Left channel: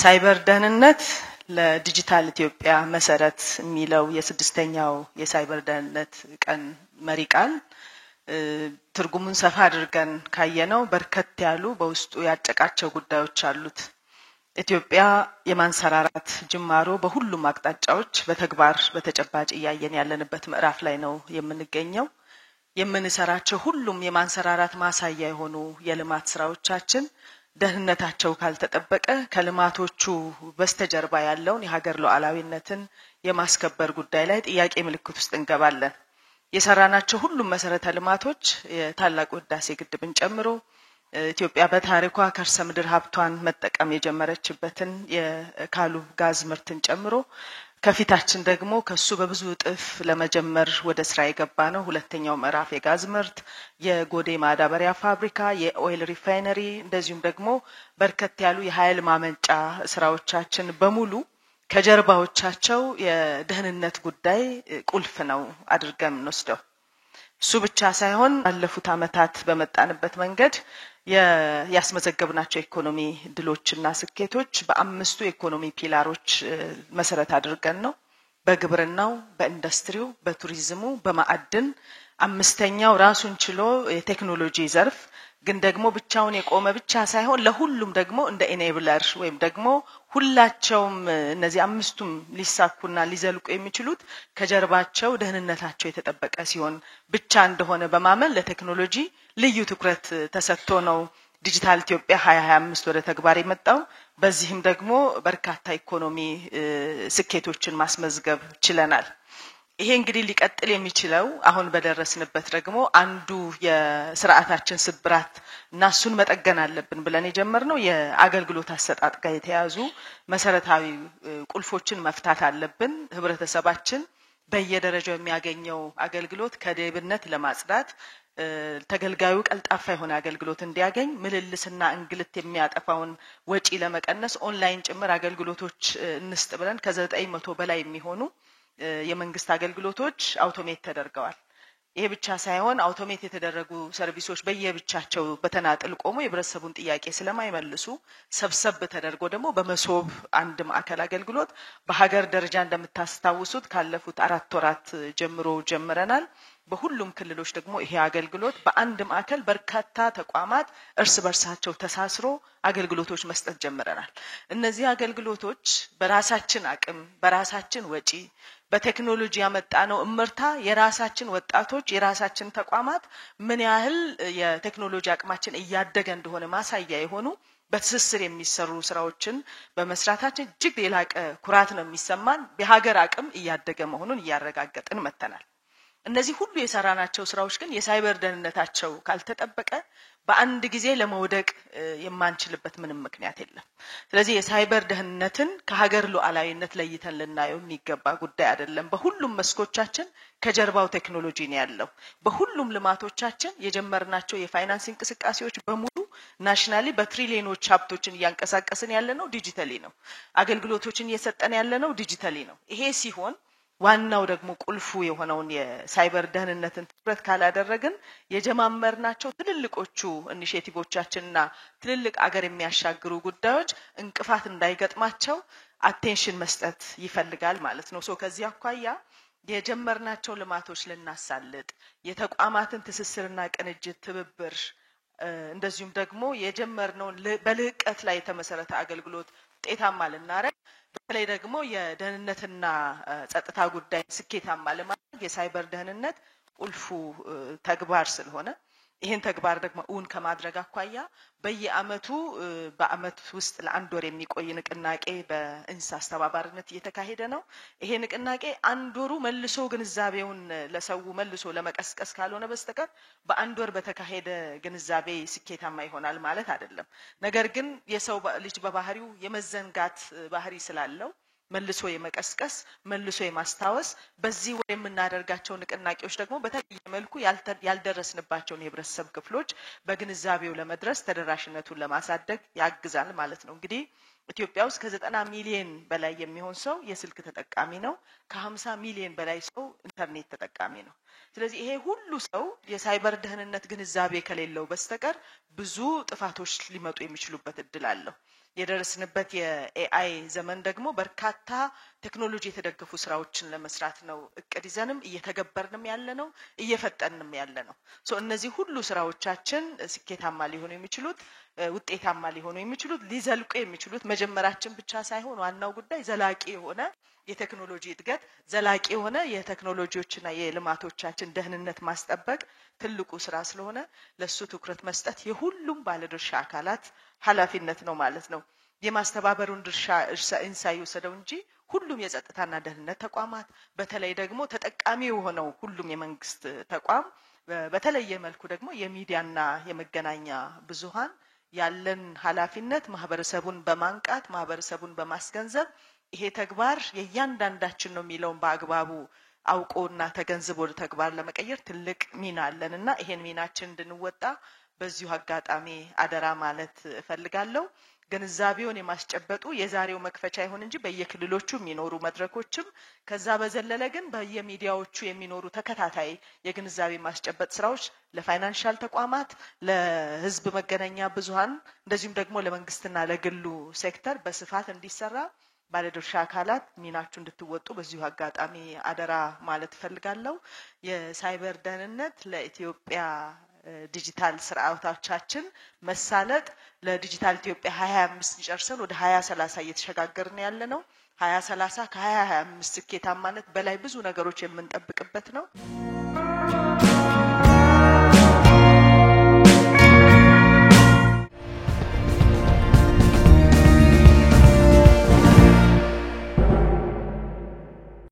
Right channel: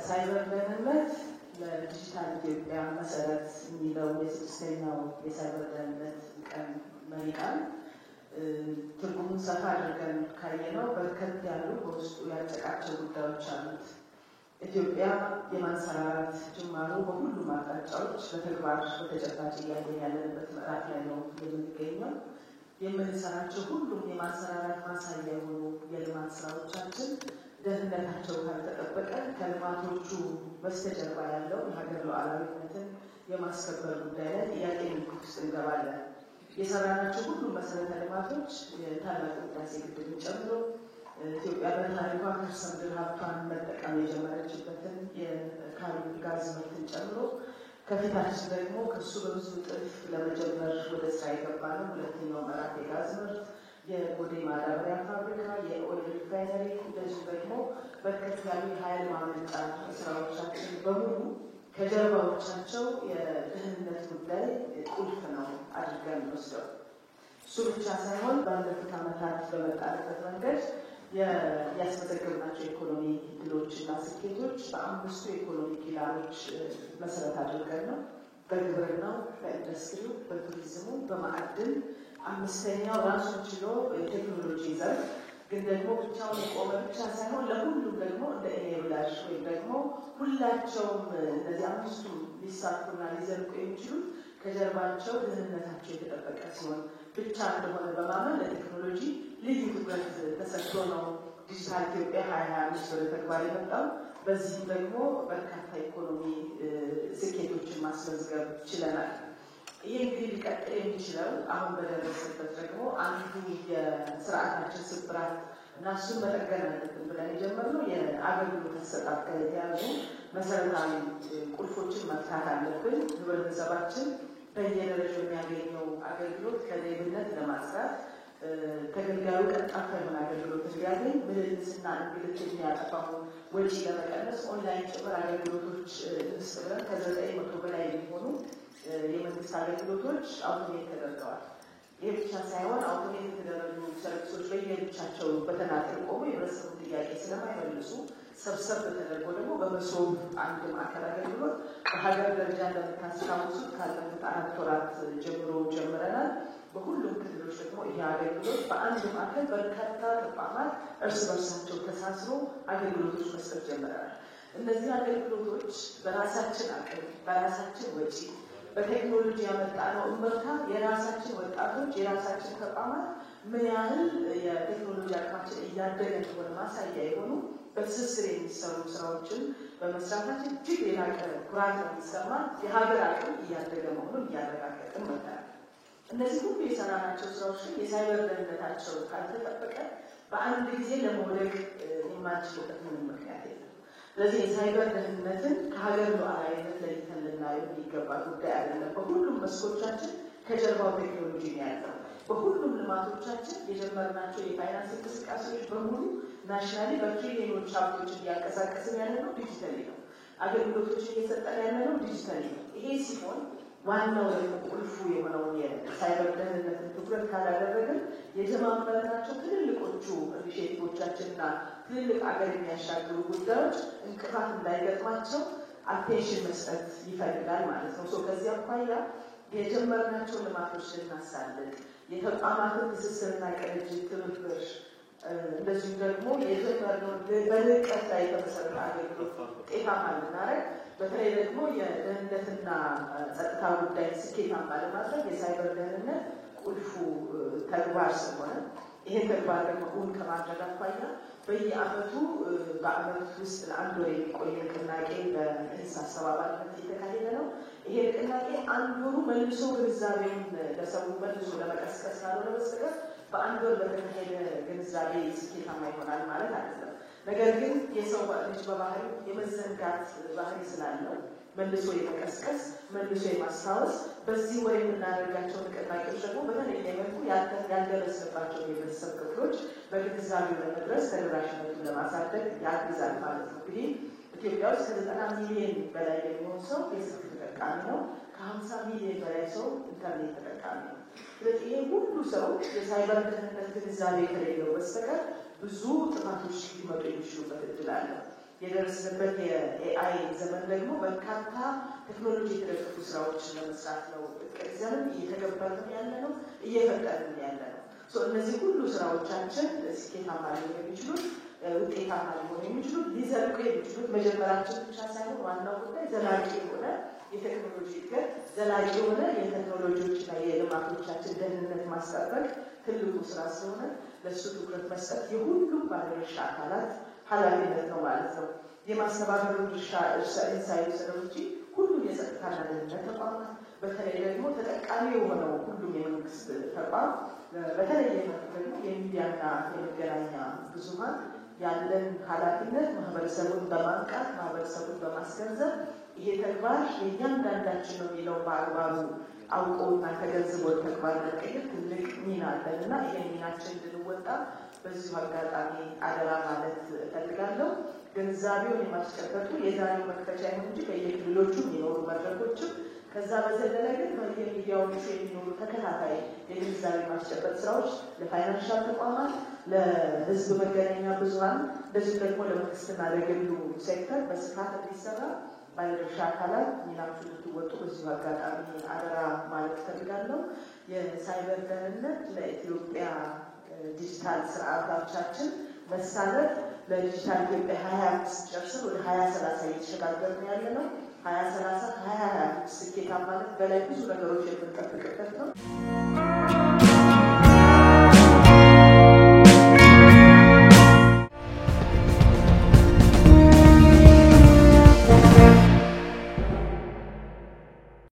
ሳይበር ደህንነት ለዲጂታል ኢትዮጵያ መሰረት የሚለው የስድስተኛው የሳይበር ደህንነት ቀን መሪ ቃል ትርጉሙን ሰፋ አድርገን ካየነው በርከት ያሉ በውስጡ ያጨቃቸው ጉዳዮች አሉት። ኢትዮጵያ የማንሰራራት ጅማሮ በሁሉም አቅጣጫዎች በተግባር በተጨባጭ እያየን ያለንበት ምዕራፍ ላይ ነው የምንገኘው። የምንሰራቸው ሁሉም የማንሰራራት ማሳያ የሆኑ የልማት ስራዎቻችን ደህንነታቸው ካልተጠበቀ ከልማቶቹ በስተጀርባ ያለውን የሀገር ሉዓላዊነትን የማስከበር ጉዳይ ላይ ጥያቄ ምልክት ውስጥ እንገባለን። የሰራናቸው ሁሉም መሰረተ ልማቶች የታላቁ ህዳሴ ግድብን ጨምሮ ኢትዮጵያ በታሪኳ ከርሰ ምድር ሀብቷን መጠቀም የጀመረችበትን የካሉብ ጋዝ ምርትን ጨምሮ ከፊታችን ደግሞ ከሱ በብዙ እጥፍ ለመጀመር ወደ ስራ የገባነው ሁለተኛው ምዕራፍ የጋዝ ምርት፣ የጎዴ ማዳበሪያ ፋብሪካ፣ የኦይል ሪፋይነሪ እንደዚሁም ደግሞ በርከት ያሉ የኃይል ማመንጫ ስራዎቻችን በሙሉ ከጀርባዎቻቸው የደህንነት ጉዳይ ቁልፍ ነው አድርገን እንወስደው። እሱ ብቻ ሳይሆን ባለፉት አመታት በመጣንበት መንገድ ያስመዘገብናቸው ኢኮኖሚ ድሎችና ስኬቶች በአምስቱ ኢኮኖሚ ፒላሮች መሰረት አድርገን ነው። በግብርናው፣ በኢንዱስትሪው፣ በቱሪዝሙ፣ በማዕድን አምስተኛው ራሱን ችሎ የቴክኖሎጂ ዘርፍ ግን ደግሞ ብቻውን የቆመ ብቻ ሳይሆን ለሁሉም ደግሞ እንደ ኢኔብለር ወይም ደግሞ ሁላቸውም እነዚህ አምስቱም ሊሳኩና ሊዘልቁ የሚችሉት ከጀርባቸው ደህንነታቸው የተጠበቀ ሲሆን ብቻ እንደሆነ በማመን ለቴክኖሎጂ ልዩ ትኩረት ተሰጥቶ ነው ዲጂታል ኢትዮጵያ 2025 ወደ ተግባር የመጣው። በዚህም ደግሞ በርካታ ኢኮኖሚ ስኬቶችን ማስመዝገብ ችለናል። ይሄ እንግዲህ ሊቀጥል የሚችለው አሁን በደረስንበት ደግሞ አንዱ የስርዓታችን ስብራት እና እሱን መጠገን አለብን ብለን የጀመርነው የአገልግሎት አሰጣጥ ጋር የተያዙ መሰረታዊ ቁልፎችን መፍታት አለብን። ህብረተሰባችን በየደረጃው የሚያገኘው አገልግሎት ከሌብነት ለማጽዳት ተገልጋዩ ቀልጣፋ የሆነ አገልግሎት እንዲያገኝ ምልልስና እንግልት የሚያጠፋውን ወጪ ለመቀነስ ኦንላይን ጭምር አገልግሎቶች እንስጥ ብለን ከ900 በላይ የሚሆኑ የመንግስት አገልግሎቶች አውቶሜት ተደርገዋል። ይሄ ብቻ ሳይሆን አውቶሜት የተደረጉ ሰርቪሶች በየብቻቸው በተናጥል ቆሞ የህብረተሰቡን ጥያቄ ስለማይመልሱ ሰብሰብ ተደርጎ ደግሞ በመሶብ አንድ ማዕከል አገልግሎት በሀገር ደረጃ እንደምታስታውሱት ካለፉት 4 ወራት ጀምሮ ጀምረናል። በሁሉም ክልሎች ደግሞ ይሄ አገልግሎት በአንድ ማዕከል በርካታ ተቋማት እርስ በርሳቸው ተሳስሮ አገልግሎቶች መስጠት ጀምረናል። እነዚህ አገልግሎቶች በራሳችን አቅም በራሳችን ወጪ በቴክኖሎጂ ያመጣነው እምርታ የራሳችን ወጣቶች የራሳችን ተቋማት ምን ያህል የቴክኖሎጂ አቅማችን እያደገ እንደሆነ ማሳያ የሆኑ በትስስር የሚሰሩ ስራዎችን በመስራታችን እጅግ የላቀ ኩራት ነው የሚሰማን። የሀገር አቅም እያደገ መሆኑን እያረጋገጥን መጥተናል። እነዚህ ሁሉ የሰራናቸው ስራዎች ግን የሳይበር ደህንነታቸው ካልተጠበቀ በአንድ ጊዜ ለመውደቅ የማንችልበት ምንም ምክንያት የለም። ስለዚህ የሳይበር ደህንነትን ከሀገር ሉዓላዊነት ለይተን ልናየው የሚገባ ጉዳይ አይደለም። በሁሉም መስኮቻችን ከጀርባው ቴክኖሎጂ ነው ያለው። በሁሉም ልማቶቻችን የጀመርናቸው የፋይናንስ እንቅስቃሴዎች በሙሉ ናሽናሊ በትሪሊዮኖች ሀብቶችን እያንቀሳቀስን ያለነው ዲጂታሊ ነው። አገልግሎቶችን እየሰጠን ያለነው ዲጂታሊ ነው። ይሄ ሲሆን ዋናው ደግሞ ቁልፉ የሆነውን የሳይበር ደህንነትን ትኩረት ካላደረግን የጀማመርናቸው ትልልቆቹ ኢኒሼቲቮቻችንና ትልልቅ አገር የሚያሻግሩ ጉዳዮች እንቅፋት እንዳይገጥማቸው አቴንሽን መስጠት ይፈልጋል ማለት ነው። ከዚህ አኳያ የጀመርናቸው ልማቶች ልናሳልጥ የተቋማትን ትስስርና ቅንጅት ትብብር እንደዚሁም ደግሞ የጀመርነው በልዕቀት ላይ የተመሰረተ አገልግሎት ውጤታማ ልናረግ በተለይ ደግሞ የደህንነትና ጸጥታ ጉዳይ ስኬታማ ለማድረግ የሳይበር ደህንነት ቁልፉ ተግባር ስለሆነ ይሄን ተግባር ደግሞ እውን ከማድረግ አኳያ በየአመቱ በአመት ውስጥ ለአንድ ወር የሚቆይ ንቅናቄ በእንስ አስተባባሪነት እየተካሄደ ነው። ይሄ ንቅናቄ አንድ ወሩ መልሶ ግንዛቤውን ለሰው መልሶ ለመቀስቀስ ካልሆነ በስተቀር በአንድ ወር በተካሄደ ግንዛቤ ስኬታማ ይሆናል ማለት አይደለም። ነገር ግን የሰው ልጅ በባህሪው የመዘንጋት ባህሪ ስላለው መልሶ የመቀስቀስ መልሶ የማስታወስ በዚህ ወር የምናደርጋቸው ንቅናቄዎች ደግሞ በተለየ መልኩ ያልደረስንባቸውን የህብረተሰብ ክፍሎች በግንዛቤው ለመድረስ ተደራሽነቱን ለማሳደግ ያግዛል ማለት ነው። እንግዲህ ኢትዮጵያ ውስጥ ከ90 ሚሊዮን በላይ የሚሆን ሰው የስልክ ተጠቃሚ ነው። ከ50 ሚሊዮን በላይ ሰው ኢንተርኔት ተጠቃሚ ነው። ስለዚህ ይሄ ሁሉ ሰው የሳይበር ደህንነት ግንዛቤ ከሌለው በስተቀር ብዙ ጥፋቶች ሊመጡ የሚችሉበት እድል አለው። የደረስንበት የኤአይ ዘመን ደግሞ በርካታ ቴክኖሎጂ የተደገፉ ስራዎችን ለመስራት ነው እቅድ ይዘንም እየተገበርንም ያለነው እየፈጠንም ያለነው። እነዚህ ሁሉ ስራዎቻችን ስኬታማ ሊሆኑ የሚችሉት ውጤታማ ሊሆኑ የሚችሉት ሊዘልቁ የሚችሉት መጀመራችን ብቻ ሳይሆን ዋናው ጉዳይ ዘላቂ የሆነ የቴክኖሎጂ እድገት ዘላቂ የሆነ የቴክኖሎጂዎችና የልማቶቻችን ደህንነት ማስጠበቅ ትልቁ ስራ ስለሆነ ለሱ ትኩረት መስጠት የሁሉም ባለድርሻ አካላት ኃላፊነት ነው ማለት ነው። የማስተባበሩን ድርሻ ኢንሳ የወሰደው እንጂ ሁሉም የጸጥታና ደህንነት ተቋማት በተለይ ደግሞ ተጠቃሚ የሆነው ሁሉም የመንግስት ተቋም በተለየ መልኩ ደግሞ የሚዲያና የመገናኛ ብዙሃን ያለን ኃላፊነት ማህበረሰቡን በማንቃት ማህበረሰቡን በማስገንዘብ ይሄ ተግባር የእያንዳንዳችን ነው የሚለው በአግባቡ አውቆና ተገንዝቦ ተግባር ለመቀየር ትልቅ ሚና አለንና ይሄን ሚናችን እንድንወጣ በዚሁ አጋጣሚ አደራ ማለት እፈልጋለሁ። ግንዛቤውን የማስጨበጡ የዛሬው መክፈቻ ይሁን እንጂ በየክልሎቹ የሚኖሩ መድረኮችም ከዛ በዘለለ ግን በየሚዲያዎቹ የሚኖሩ ተከታታይ የግንዛቤ ማስጨበጥ ስራዎች ለፋይናንሻል ተቋማት፣ ለህዝብ መገናኛ ብዙሃን እንደዚሁም ደግሞ ለመንግስትና ለግሉ ሴክተር በስፋት እንዲሰራ ባለድርሻ አካላት ሚናችሁ እንድትወጡ በዚሁ አጋጣሚ አደራ ማለት እፈልጋለሁ። የሳይበር ደህንነት ለኢትዮጵያ ዲጂታል ስርዓቶቻችን መሳለጥ ለዲጂታል ኢትዮጵያ 2025 ጨርሰን ወደ 2030 እየተሸጋገርን ያለነው 2030 ከ2025 ስኬታማነት በላይ ብዙ ነገሮች የምንጠብቅበት ነው።